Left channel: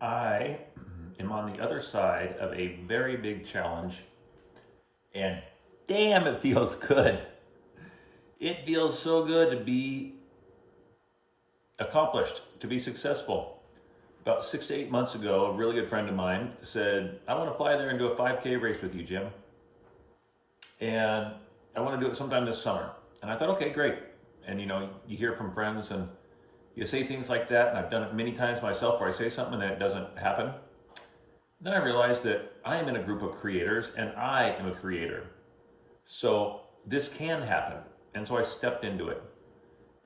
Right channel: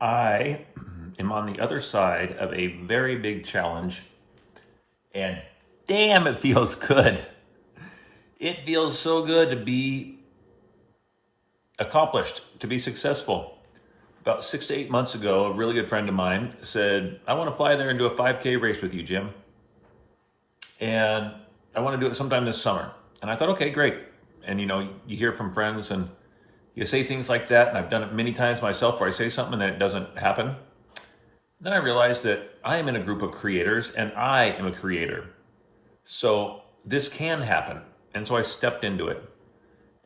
I am on the other side of a very big challenge, and damn, it feels good. It feels so good to be accomplished, to be successful. About 6 to 8 months ago, a really good friend of mine said, I want to fly there and do a 5K race with you, Jim. And I want to do it sometime this summer. And I thought, okay, great. And you hear from friends and you say things like that. And I've done it many times myself where I say something and then it doesn't happen. Then I realized that I am in a group of creators and I am a creator. So this can happen. And so I stepped into it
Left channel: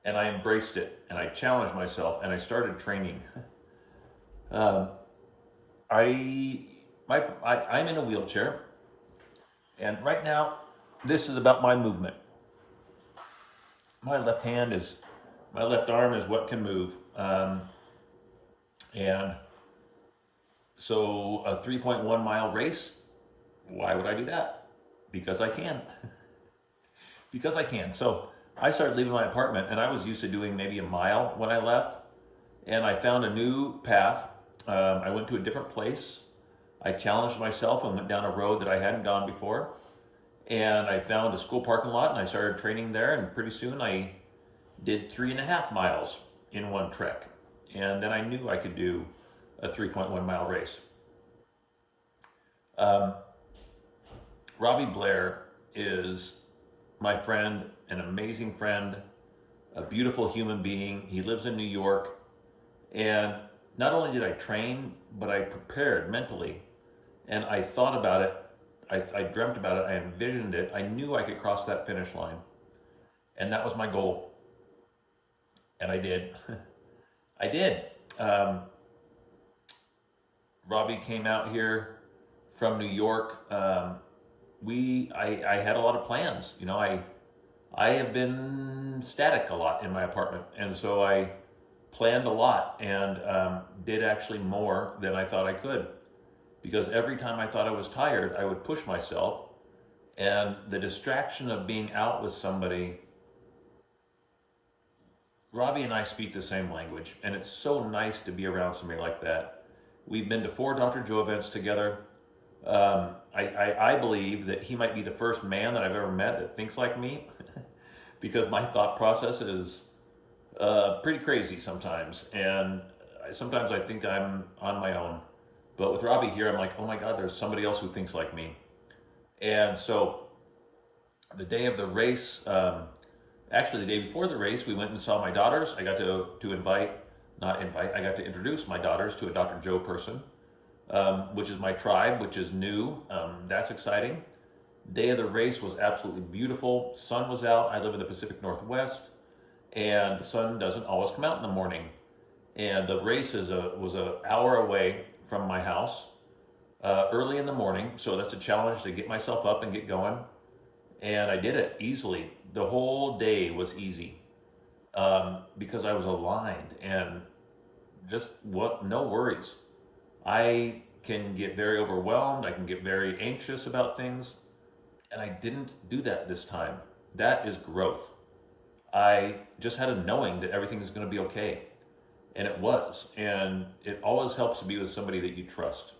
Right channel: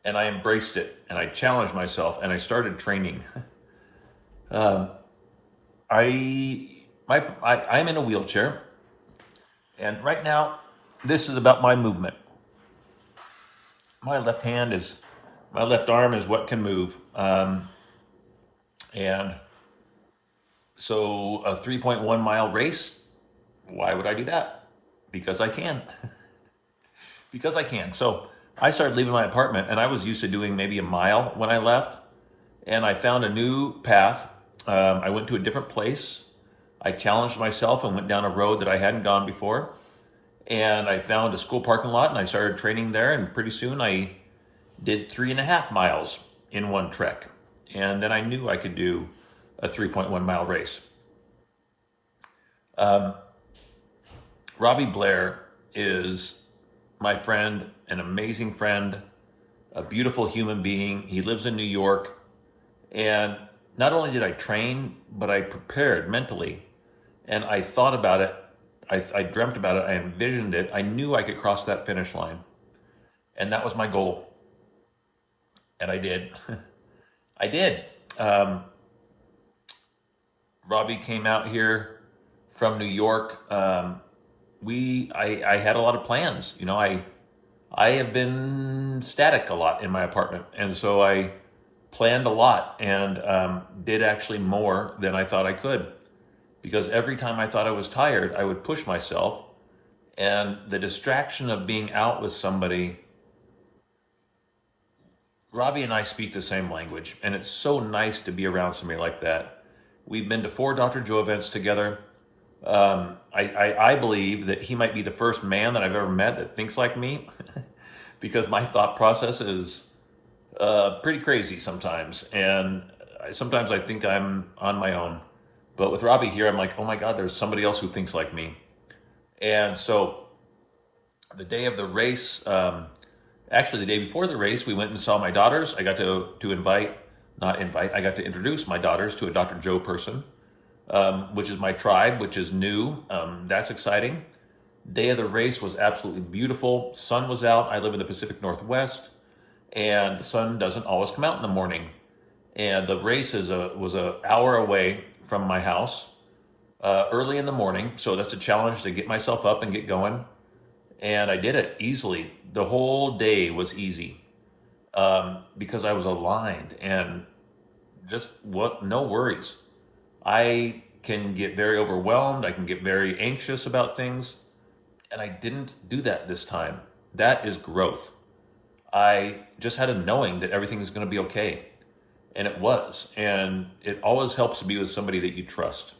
and I embraced it and I challenged myself and I started training. um, I'm in a wheelchair, and right now, this is about my movement. My left hand is, my left arm is what can move, and so a 3.1 mile race. Why would I do that? Because I can. Because I can. So I started leaving my apartment, and I was used to doing maybe a mile when I left, and I found a new path. I went to a different place. I challenged myself and went down a road that I hadn't gone before. And I found a school parking lot and I started training there. And pretty soon I did 3.5 miles in one trek. And then I knew I could do a 3.1 mile race. Um, Robbie Blair is my friend, an amazing friend, a beautiful human being. He lives in New York. And not only did I train, but I prepared mentally and I thought about it. I dreamt about it. I envisioned it. I knew I could cross that finish line. And that was my goal. And I did. I did. Um, Robbie came out here from New York. I had a lot of plans. I have been static a lot in my apartment. And so I planned a lot and did actually more than I thought I could. Because every time I thought I was tired, I would push myself. And the distraction of being out with somebody, Robbie and I speak the same language, and it's so nice to be around somebody like that. We've been to 4 Dr. Joe events together. I believe that he might be the first man that I've ever met that thinks like me because my thought process is pretty crazy sometimes. And sometimes I think I'm on my own. But with Robbie here, I'm like, oh my God, there's somebody else who thinks like me. And so the day of the race, actually the day before the race, we went and saw my daughters. I got to invite, not invite, I got to introduce my daughters to a Dr. Joe person, which is my tribe, which is new. That's exciting. Day of the race was absolutely beautiful. Sun was out. I live in the Pacific Northwest, and the sun doesn't always come out in the morning. And the race was an hour away from my house, early in the morning. So that's a challenge to get myself up and get going. And I did it easily. The whole day was easy because I was aligned and just what no worries. I can get very overwhelmed. I can get very anxious about things, and I didn't do that this time. That is growth. I just had a knowing that everything is going to be okay, and it was. And it always helps to be with somebody that you trust.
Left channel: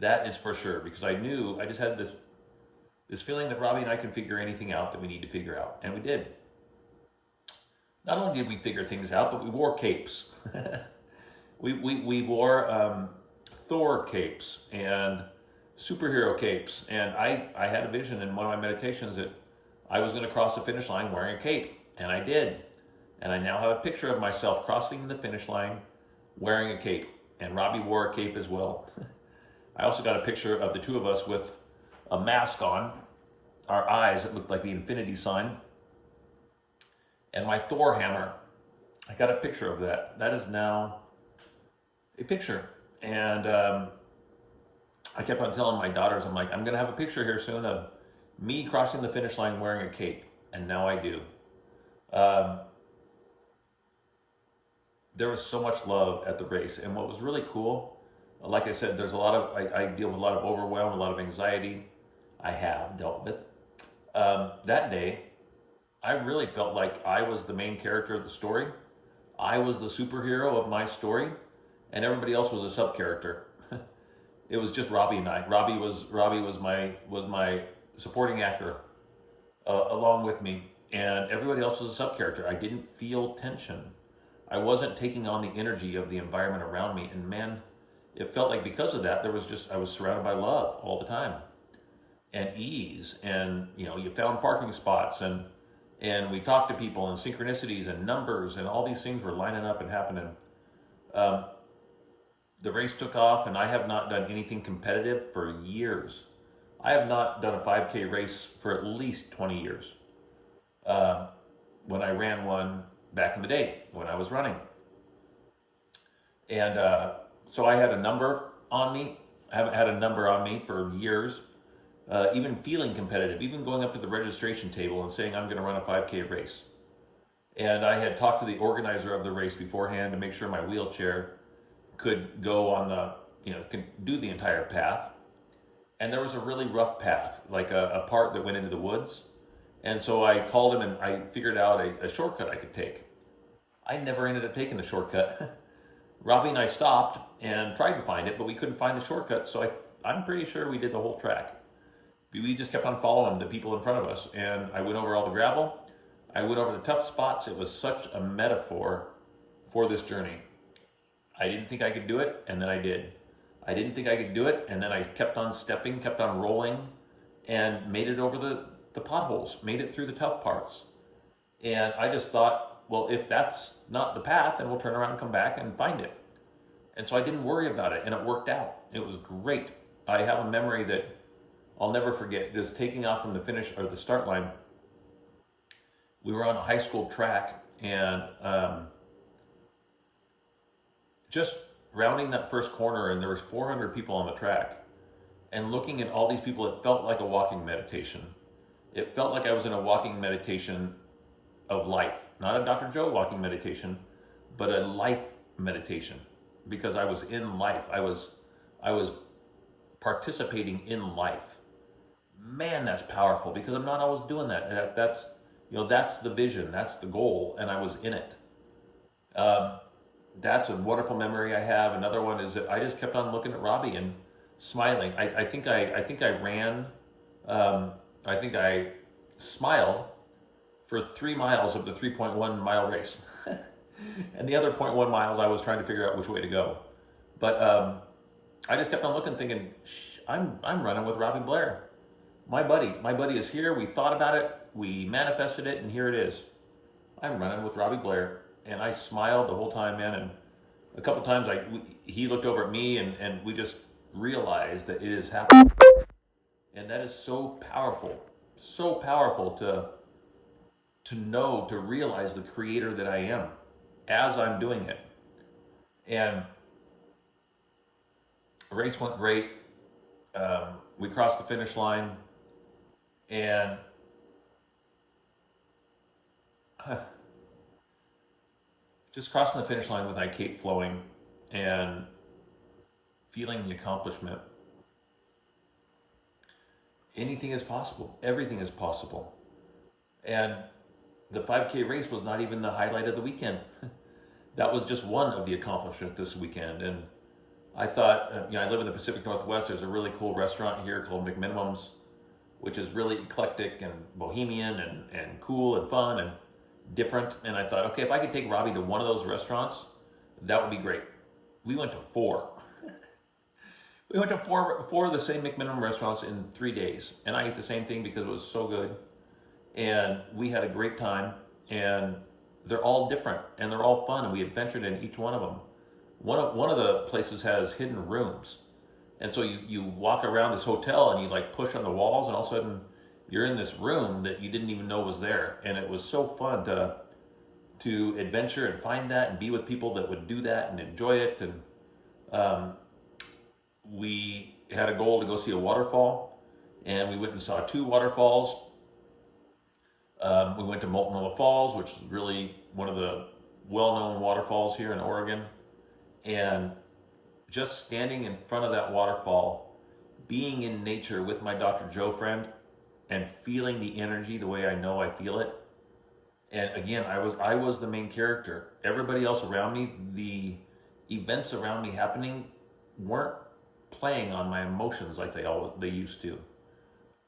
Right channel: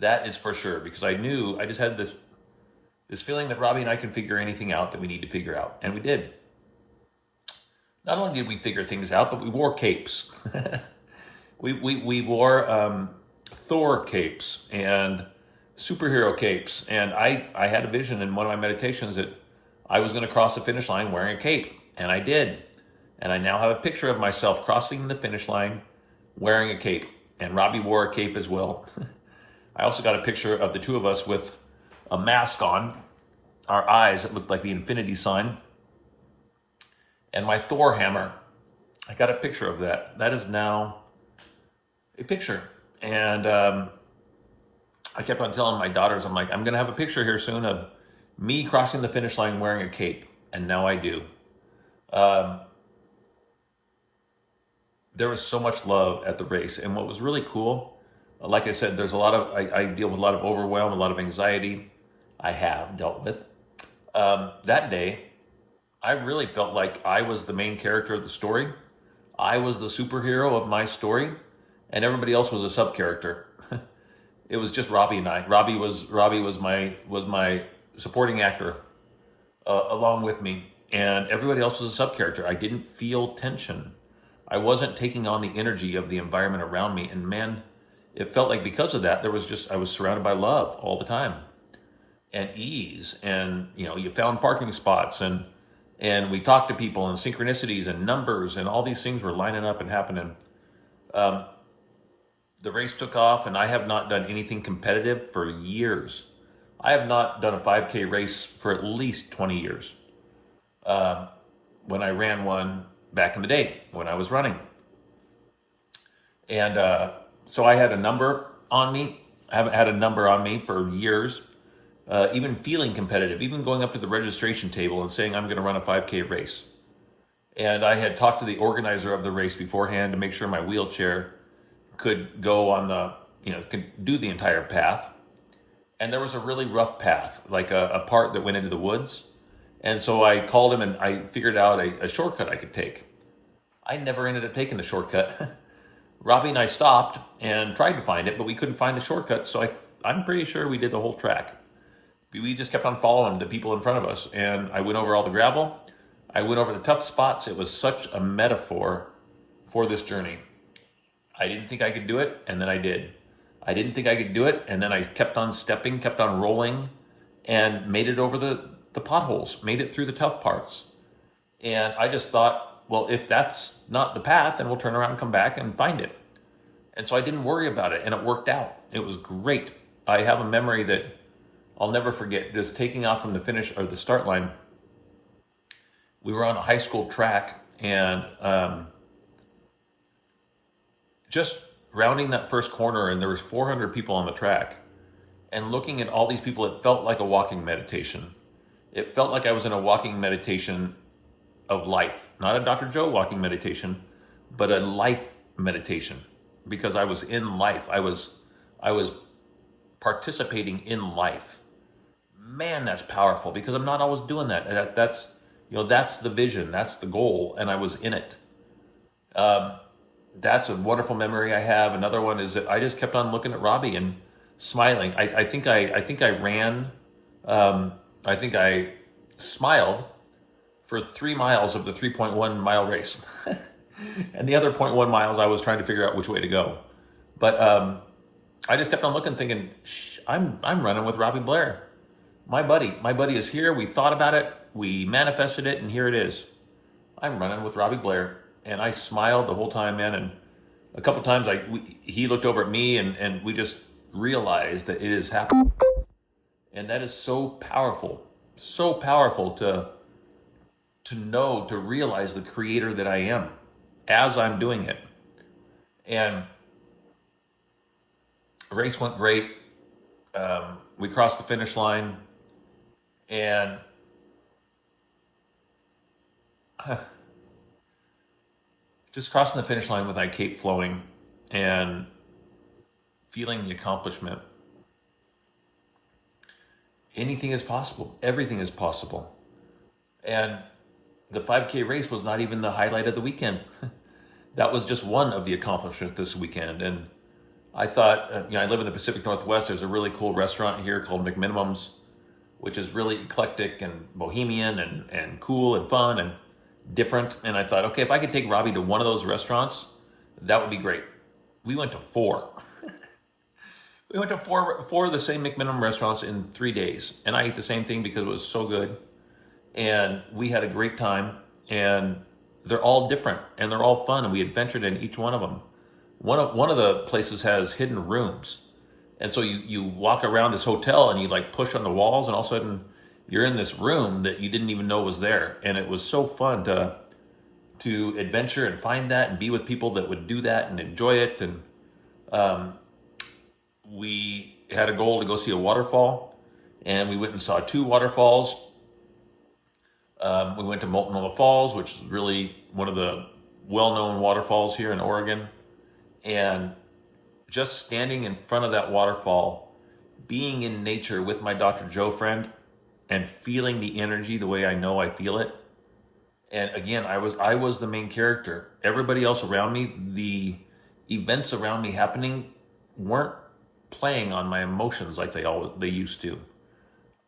That is for sure because I knew I just had this feeling that Robbie and I can figure anything out that we need to figure out, and we did. Not only did we figure things out, but we wore capes. We wore Thor capes and superhero capes. And I had a vision in one of my meditations that I was going to cross the finish line wearing a cape. And I did. And I now have a picture of myself crossing the finish line wearing a cape. And Robbie wore a cape as well. I also got a picture of the two of us with a mask on, our eyes that looked like the infinity sign, and my Thor hammer. I got a picture of that. That is now a picture. And I kept on telling my daughters, I'm like, I'm going to have a picture here soon of me crossing the finish line wearing a cape. And now I do. Um, there was so much love at the race. And what was really cool, like I said, there's a lot of, I deal with a lot of overwhelm, a lot of anxiety I have dealt with. That day, I really felt like I was the main character of the story. I was the superhero of my story. and everybody else was a sub character. It was just Robbie and I. Robbie was my supporting actor along with me, and everybody else was a sub character. I didn't feel tension. I wasn't taking on the energy of the environment around me, and man, it felt like because of that, I was surrounded by love all the time and ease, and you found parking spots, and we talked to people and synchronicities and numbers and all these things were lining up and happening. Um, the race took off, and I have not done anything competitive for years. I have not done a 5K race for at least 20 years. Um, when I ran one back in the day when I was running, and so I had a number on me. I haven't had a number on me for years. Even feeling competitive, even going up to the registration table and saying I'm going to run a 5K race. And I had talked to the organizer of the race beforehand to make sure my wheelchair could go on could do the entire path. And there was a really rough path, like a part that went into the woods. And so I called him and I figured out a shortcut I could take. I never ended up taking the shortcut. Robbie and I stopped and tried to find it, but we couldn't find the shortcut. So I'm pretty sure we did the whole track. We just kept on following the people in front of us, and I went over all the gravel. I went over the tough spots. It was such a metaphor for this journey. I didn't think I could do it, and then I did. I didn't think I could do it, and then I kept on stepping, kept on rolling, and made it over the potholes, made it through the tough parts. And I just thought, well, if that's not the path, then we'll turn around and come back and find it. And so I didn't worry about it, and it worked out. It was great. I have a memory that I'll never forget, just taking off from the finish or the start line. We were on a high school track, and just rounding that first corner, and there was 400 people on the track, and looking at all these people, it felt like a walking meditation. It felt like I was in a walking meditation of life, not a Dr. Joe walking meditation, but a life meditation, because I was in life. I was participating in life. Man, that's powerful, because I'm not always doing that. And that's the vision, that's the goal, and I was in it. Um, that's a wonderful memory I have. Another one is that I just kept on looking at Robbie and smiling. I think I ran. I think I smiled for 3 miles of the 3.1 mile race, and the other point 1 miles I was trying to figure out which way to go. But I just kept on looking, thinking, I'm running with Robbie Blair. My buddy is here. We thought about it, we manifested it, and here it is. I'm running with Robbie Blair, and I smiled the whole time, man. And a couple times, he looked over at me, and we just realized that it is happening. And that is so powerful to know, to realize the creator that I am as I'm doing it. And the race went great. We crossed the finish line, and just crossing the finish line with my cape flowing and feeling the accomplishment. Anything is possible. Everything is possible. And the 5K race was not even the highlight of the weekend. That was just one of the accomplishments this weekend. And I thought, I live in the Pacific Northwest. There's a really cool restaurant here called McMinimum's, which is really eclectic and bohemian and cool and fun and different. And I thought, okay, if I could take Robbie to one of those restaurants, that would be great. We went to four. We went to four of the same McMinimum restaurants in 3 days. And I ate the same thing because it was so good. And we had a great time. And they're all different and they're all fun. And we adventured in each one of them. One of the places has hidden rooms. And so you walk around this hotel and you like push on the walls, and all of a sudden you're in this room that you didn't even know was there. And it was so fun to adventure and find that and be with people that would do that and enjoy it. And we had a goal to go see a waterfall, and we went and saw 2 waterfalls. We went to Multnomah Falls, which is really one of the well-known waterfalls here in Oregon. And just standing in front of that waterfall, being in nature with my Dr. Joe friend, and feeling the energy the way I know I feel it. And again, I was the main character. Everybody else around me, the events around me happening weren't playing on my emotions like they used to.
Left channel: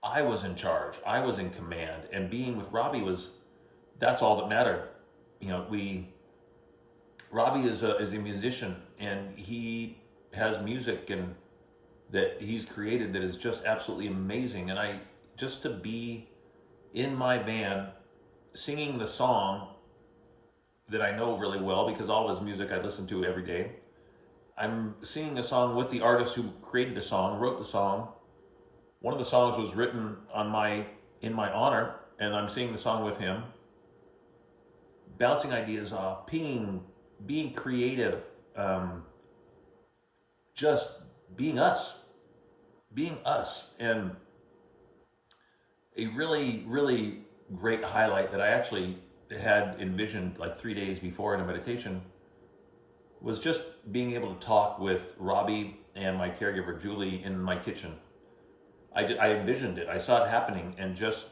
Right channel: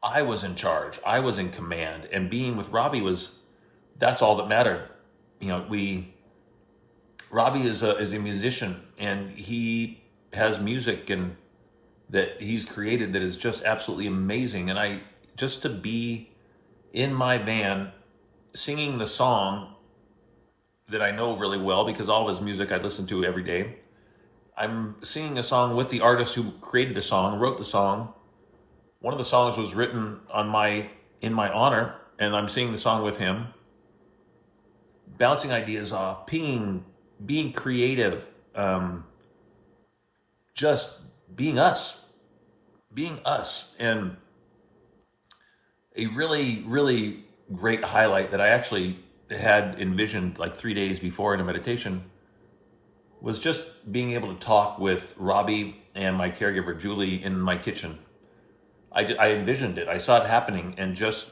I was in charge. I was in command, and being with Robbie was that's all that mattered. You know, we Robbie is a musician, and he has music and that he's created that is just absolutely amazing. And I just to be in my van singing the song that I know really well because all of his music I listen to every day. I'm singing a song with the artist who created the song, wrote the song. One of the songs was written in my honor, and I'm singing the song with him, bouncing ideas off, pinging, being creative, um, just being us, and a really, really great highlight that I actually had envisioned like 3 days before in a meditation was just being able to talk with Robbie and my caregiver Julie in my kitchen. I envisioned it. I saw it happening, and just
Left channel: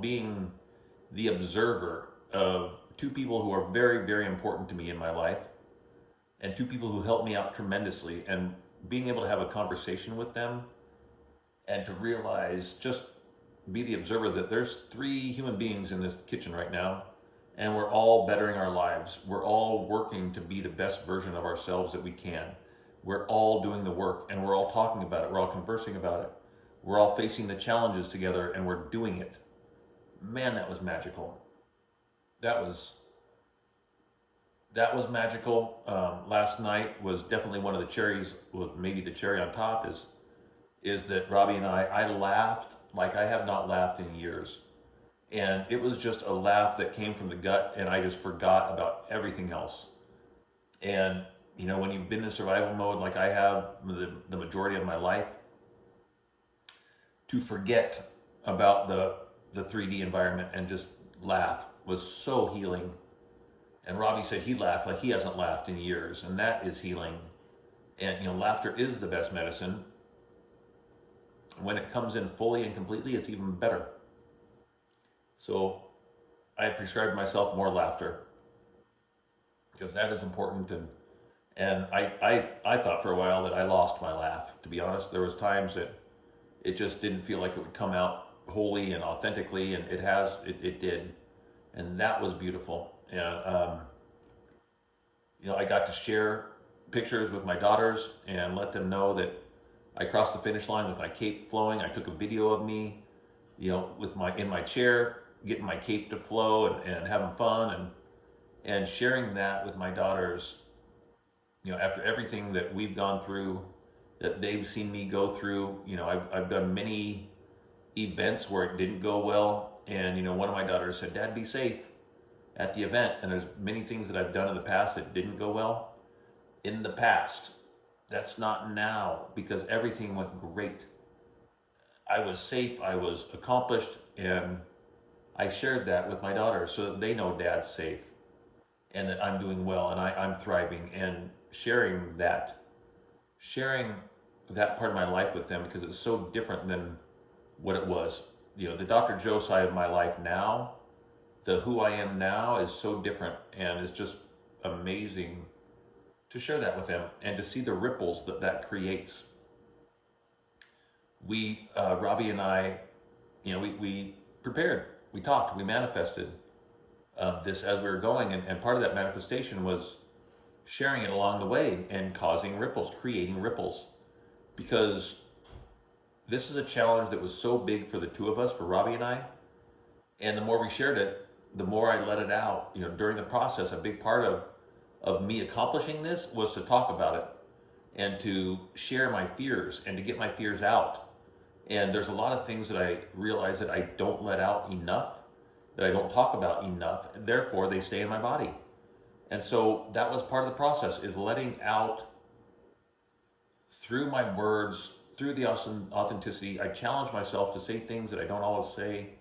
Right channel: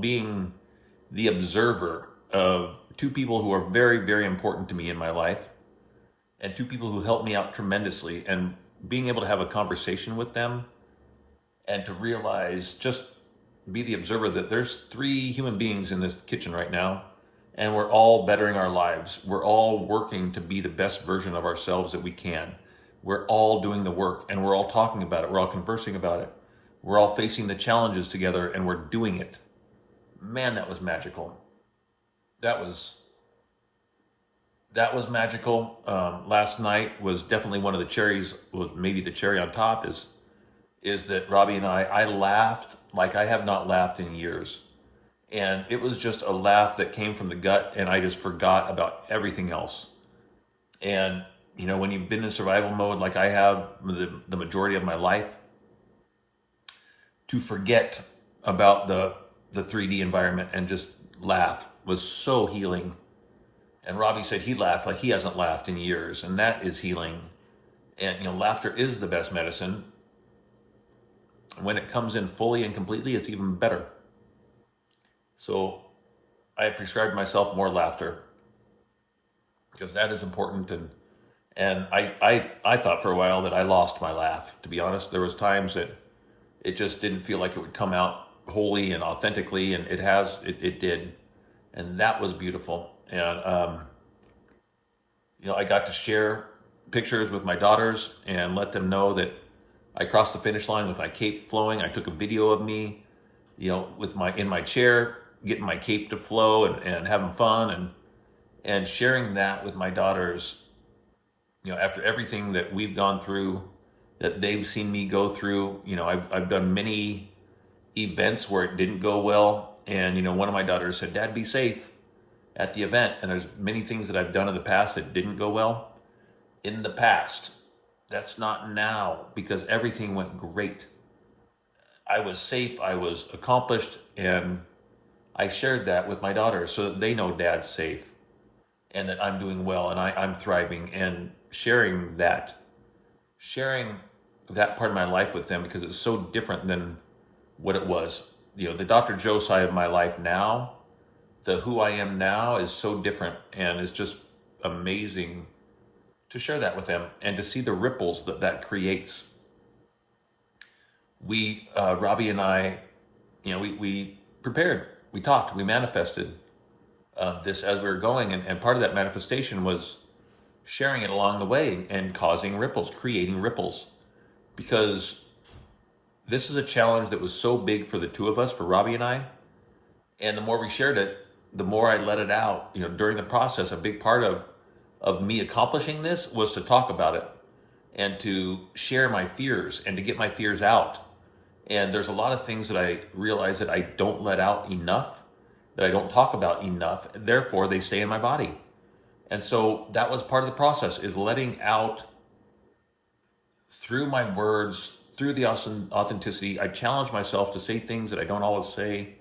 being the observer of two people who are very, very important to me in my life, and two people who helped me out tremendously, and being able to have a conversation with them, and to realize, just be the observer that there's three human beings in this kitchen right now, and we're all bettering our lives. We're all working to be the best version of ourselves that we can. We're all doing the work, and we're all talking about it. We're all conversing about it. We're all facing the challenges together, and we're doing it. Man, that was magical. That was that was magical. Last night was definitely one of the cherries. Was maybe the cherry on top is that Robbie and I laughed like I have not laughed in years, and it was just a laugh that came from the gut, and I just forgot about everything else. And you know, when you've been in survival mode like I have the majority of my life, to forget about the 3D environment and just laugh was so healing. And Robbie said he laughed like he hasn't laughed in years, and that is healing. And you know, laughter is the best medicine. When it comes in fully and completely, it's even better. So I prescribed myself more laughter because that is important. And I thought for a while that I lost my laugh. To be honest, there was times that it just didn't feel like it would come out wholly and authentically, and it did, and that was beautiful. And you know, I got to share pictures with my daughters and let them know that I crossed the finish line with my cape flowing. I took a video of me, you know, with my in my chair, getting my cape to flow and having fun and sharing that with my daughters. You know, after everything that we've gone through, that they've seen me go through. You know, I've done many events where it didn't go well, and you know, one of my daughters said, "Dad, be safe at the event." And there's many things that I've done in the past that didn't go well. In the past, that's not now, because everything went great. I was safe, I was accomplished, and I shared that with my daughters so that they know Dad's safe and that I'm doing well and I'm thriving, and sharing that part of my life with them because it's so different than what it was. You know, the Dr. Joe side of my life now, the who I am now is so different, and it's just amazing to share that with them and to see the ripples that that creates. Robbie and I, you know, we prepared, we talked, we manifested this as we were going, and part of that manifestation was sharing it along the way and causing ripples, creating ripples, because this is a challenge that was so big for the two of us, for Robbie and I, and the more we shared it, the more I let it out. You know, during the process, a big part of me accomplishing this was to talk about it and to share my fears and to get my fears out. And there's a lot of things that I realize that I don't let out enough, that I don't talk about enough, therefore they stay in my body. And so that was part of the process, is letting out through my words, through the authenticity. I challenged myself to say things that I don't always say.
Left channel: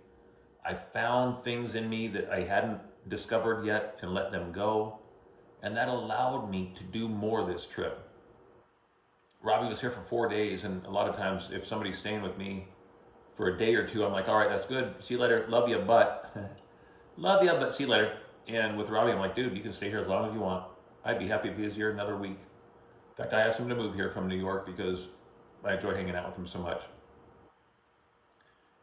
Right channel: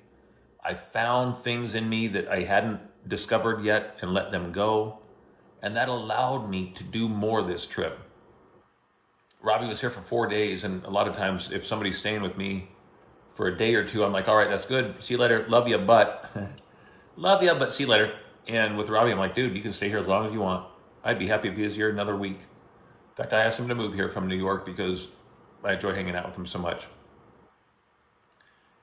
I found things in me that I hadn't discovered yet and let them go. And that allowed me to do more this trip. Robbie was here for 4 days, and a lot of times if somebody's staying with me for a day or two, I'm like, all right, that's good. See you later. Love you, but love you, but see you later. And with Robbie, I'm like, dude, you can stay here as long as you want. I'd be happy if he was here another week. In fact, I asked him to move here from New York because I enjoy hanging out with him so much.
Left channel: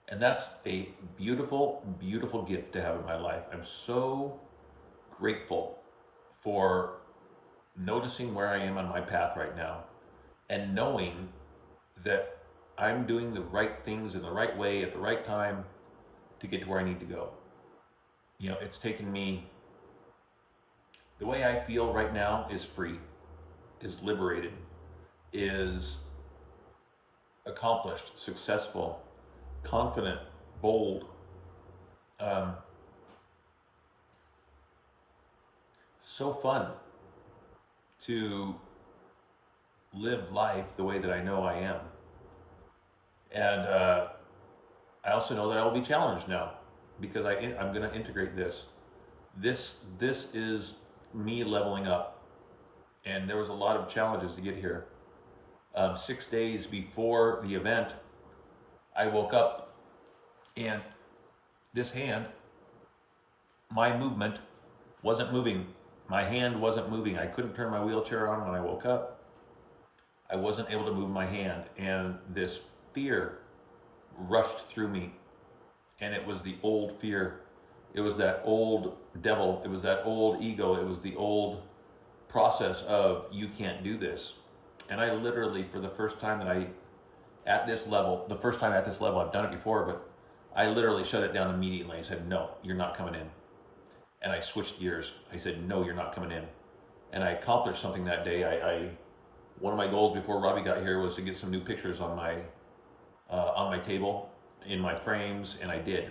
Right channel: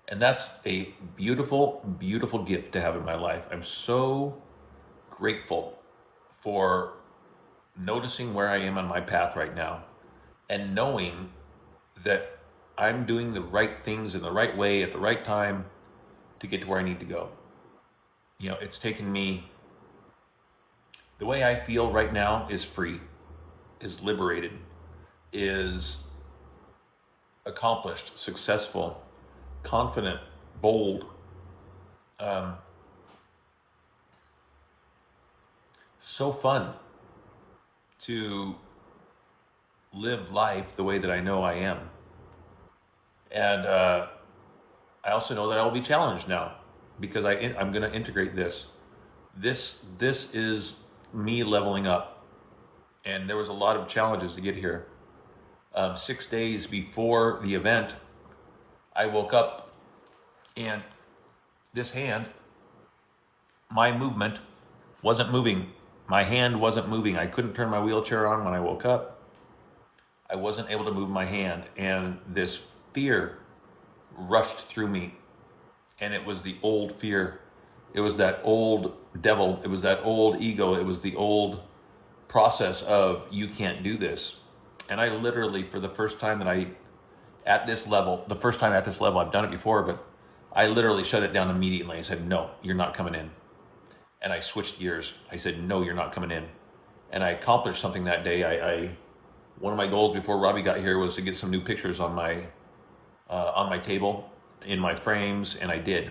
And that's a beautiful, beautiful gift to have in my life. I'm so grateful for noticing where I am on my path right now and knowing that I'm doing the right things in the right way at the right time to get to where I need to go. It's taken me, the way I feel right now is free, is liberated, is accomplished, successful, confident, bold, um, so fun to live life the way that I know I am. And I also know that I will be challenged now because I'm going to integrate this. This is me leveling up, and there was a lot of challenges to get here. 6 days before the event, I woke up and this hand, my movement wasn't moving. My hand wasn't moving. I couldn't turn my wheelchair on when I woke up. I wasn't able to move my hand, and this fear rushed through me. And it was the old fear. It was that old devil. It was that old ego. It was the old process of, you can't do this. And I literally, for the first time at this level, I've done it before, but I literally shut it down immediately. I said, no, you're not coming in. And I switched gears. I said, no, you're not coming in. And I accomplished something that day. One of my goals before Robbie got here was to get some new pictures on my table, in my frames, and I did.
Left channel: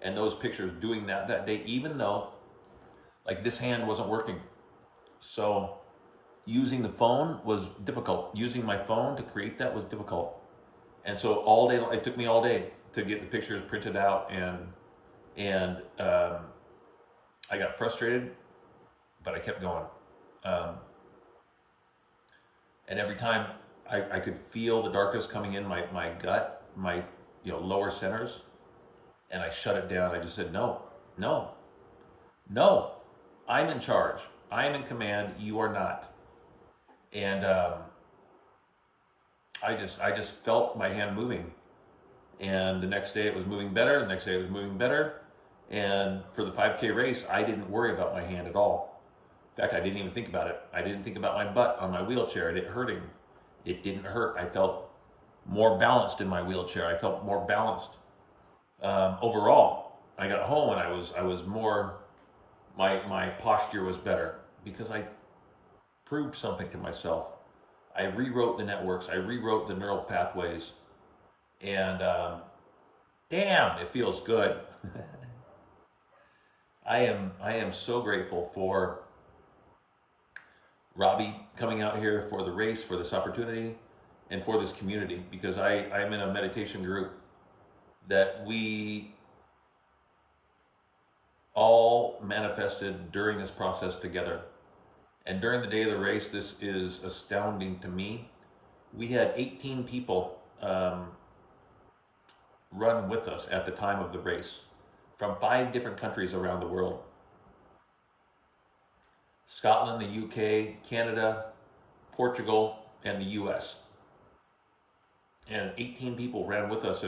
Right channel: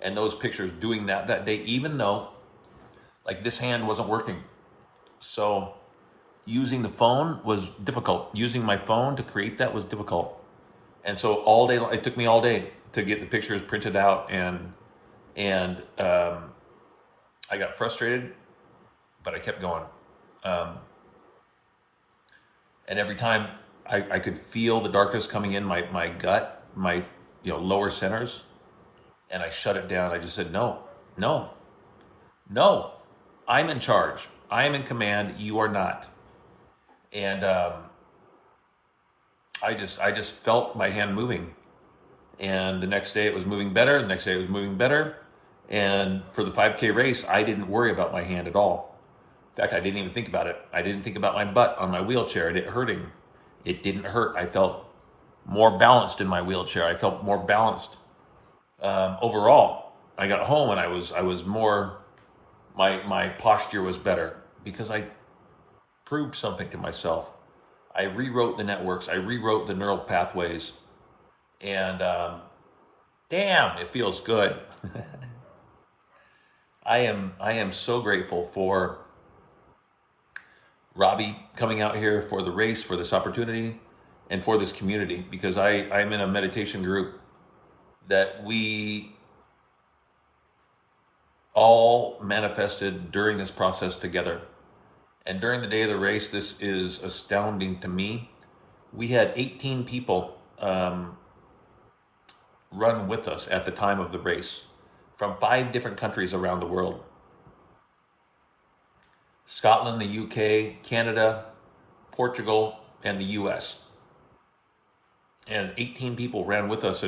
And those pictures, doing that day, even though like this hand wasn't working, so using the phone was difficult. Using my phone to create that was difficult. And so all day, it took me all day to get the pictures printed out, and I got frustrated, but I kept going. Um, and every time I could feel the darkness coming in my gut, my lower centers, and I shut it down. I just said, no, no, no. I'm in charge. I am in command. You are not. And I just felt my hand moving. And the next day it was moving better. The next day it was moving better. And for the 5K race, I didn't worry about my hand at all. In fact, I didn't even think about it. I didn't think about my butt on my wheelchair and it hurting. It didn't hurt. I felt more balanced in my wheelchair. I felt more balanced overall. I got home and I was more, my posture was better because I proved something to myself. I rewrote the networks. I rewrote the neural pathways, and damn, it feels good. I am so grateful for Robbie coming out here for the race, for this opportunity, and for this community, because I'm in a meditation group that we all manifested during this process together. And during the day of the race, this is astounding to me. We had 18 people run with us at the time of the race from 5 different countries around the world: Scotland, the UK, Canada, Portugal, and the US. And 18 people ran with us,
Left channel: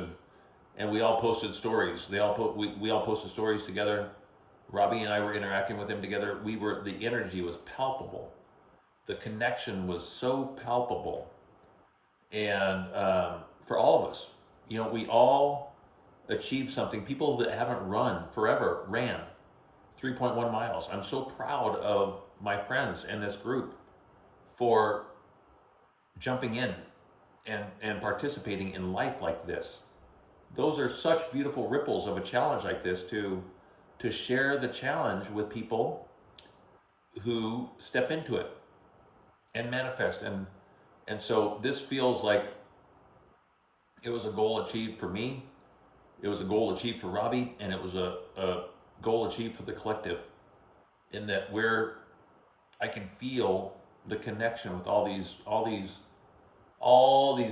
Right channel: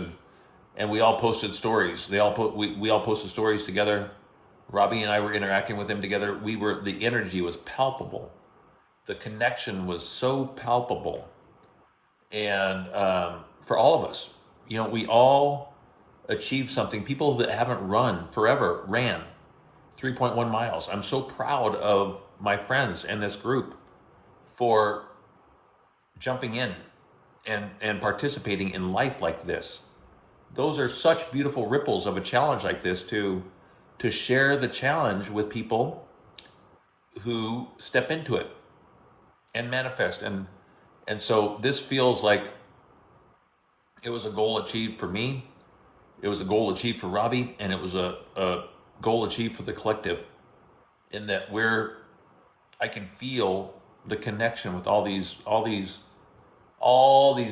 and we all posted stories. We all posted stories together. Robbie and I were interacting with them together. The energy was palpable. The connection was so palpable. And for all of us, we all achieved something. People that haven't run forever ran 3.1 miles. I'm so proud of my friends and this group for jumping in and participating in life like this. Those are such beautiful ripples of a challenge like this, to share the challenge with people who step into it and manifest. And so this feels like it was a goal achieved for me. It was a goal achieved for Robbie, and it was a goal achieved for the collective, in that I can feel the connection with all these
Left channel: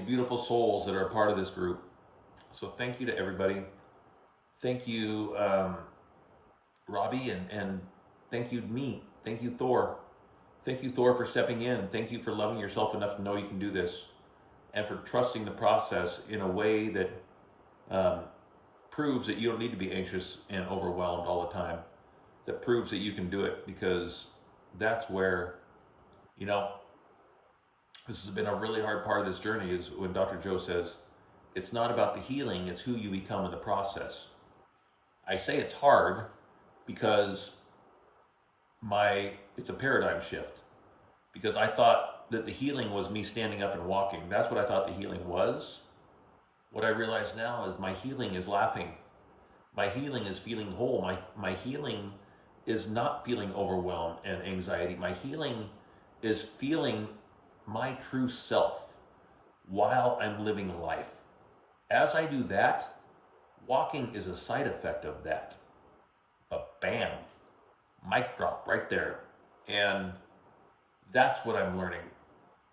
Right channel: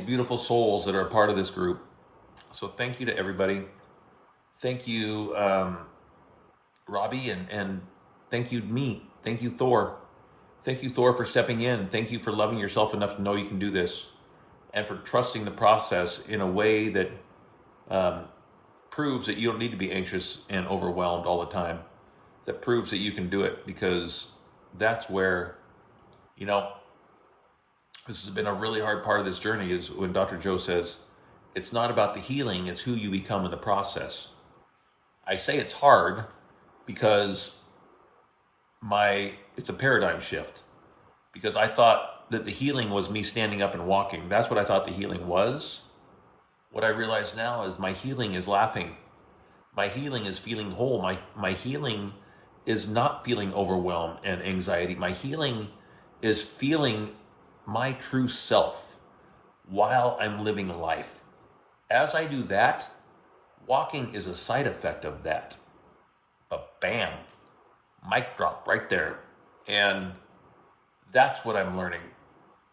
beautiful souls that are a part of this group. So thank you to everybody. Thank you, Robbie, and thank you me. Thank you, Thor. Thank you, Thor, for stepping in. Thank you for loving yourself enough to know you can do this, and for trusting the process in a way that um, proves that you don't need to be anxious and overwhelmed all the time. That proves that you can do it, because that's where, you know, this has been a really hard part of this journey, is when Dr. Joe says, it's not about the healing, it's who you become in the process. I say it's hard because it's a paradigm shift, because I thought that the healing was me standing up and walking. That's what I thought the healing was. What I realize now is my healing is laughing. My healing is feeling whole. My healing is not feeling overwhelmed and anxiety. My healing is feeling my true self while I'm living life. As I do that, walking is a side effect of that. But bam, mic drop right there. And that's what I'm learning.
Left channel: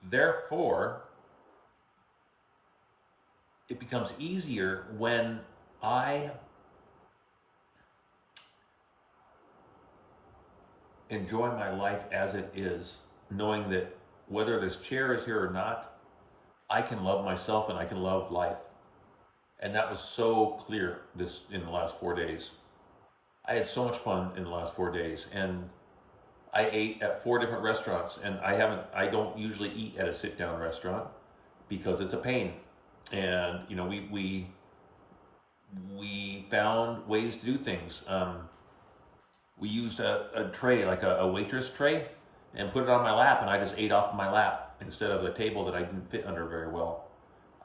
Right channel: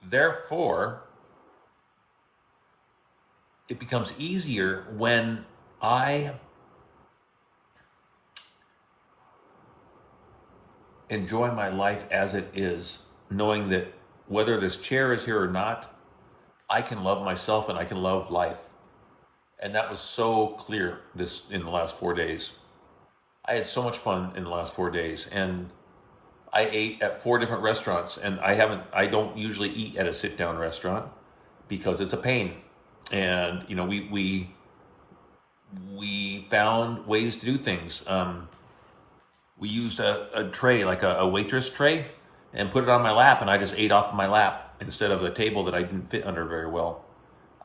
Therefore, it becomes easier when I enjoy my life as it is, knowing that whether this chair is here or not, I can love myself and I can love life. And that was so clear in the last 4 days. I had so much fun in the last 4 days, and I ate at 4 different restaurants, and I don't usually eat at a sit-down restaurant because it's a pain. And you know, we found ways to do things. We used a tray, like a waitress tray, and put it on my lap, and I just ate off my lap instead of a table that I didn't fit under very well.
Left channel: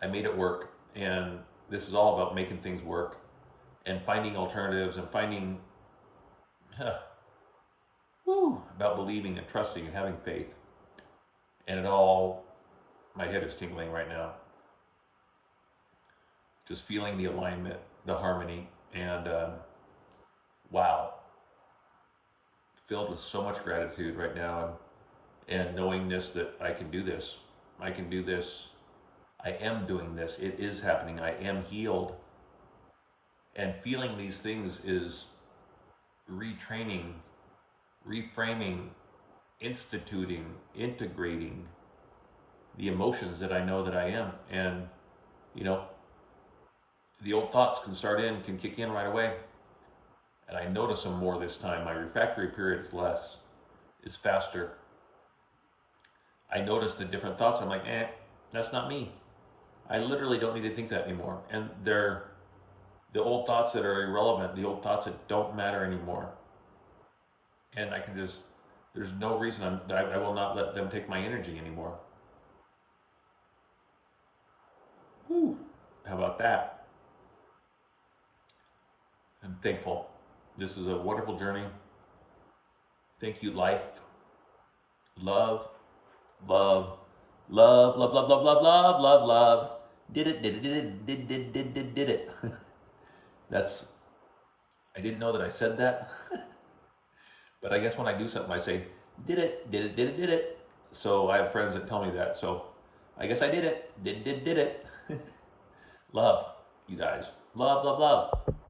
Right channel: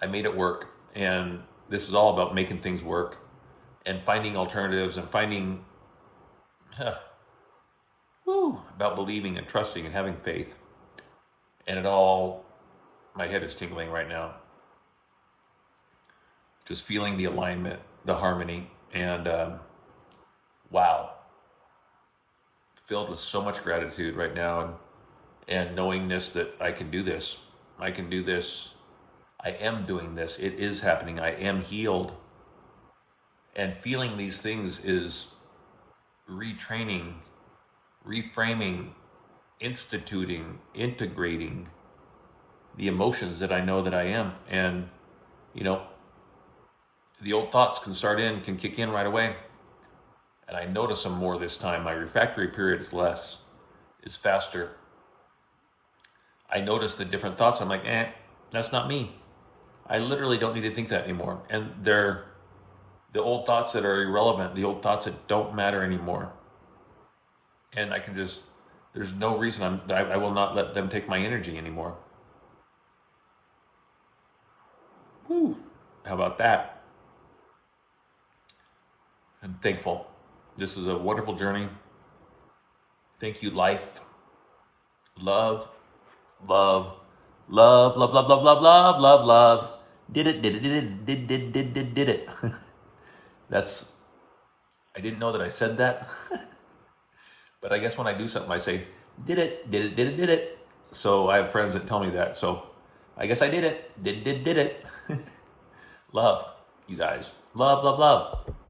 I made it work, and this is all about making things work and finding alternatives and finding, about believing and trusting and having faith. And my head is tingling right now. Just feeling the alignment, the harmony, and wow. Filled with so much gratitude right now, and knowingness that I can do this. I can do this. I am doing this. It is happening. I am healed. And feeling these things is retraining, reframing, instituting, integrating the emotions that I know that I am. And, you know, the old thoughts can kick in right away. And I notice them more this time. My refractory period is faster. I notice the different thoughts. I'm like, that's not me. I literally don't need to think that anymore. And they're the old thoughts that are irrelevant, the old thoughts that don't matter anymore. And there's no reason I will not let them take my energy anymore. Woo! How about that? I'm thankful. This is a wonderful journey. Thank you, life. Love, love, love, love, love, love, love, love, love, love. Did it, did it, did it. I didn't know that I said that. But I guess when I do something, I say, did it, did it, did it, did it. So I have friends that tell me that. So I guess I did it. Did it. Love, you guys. Love, love, love.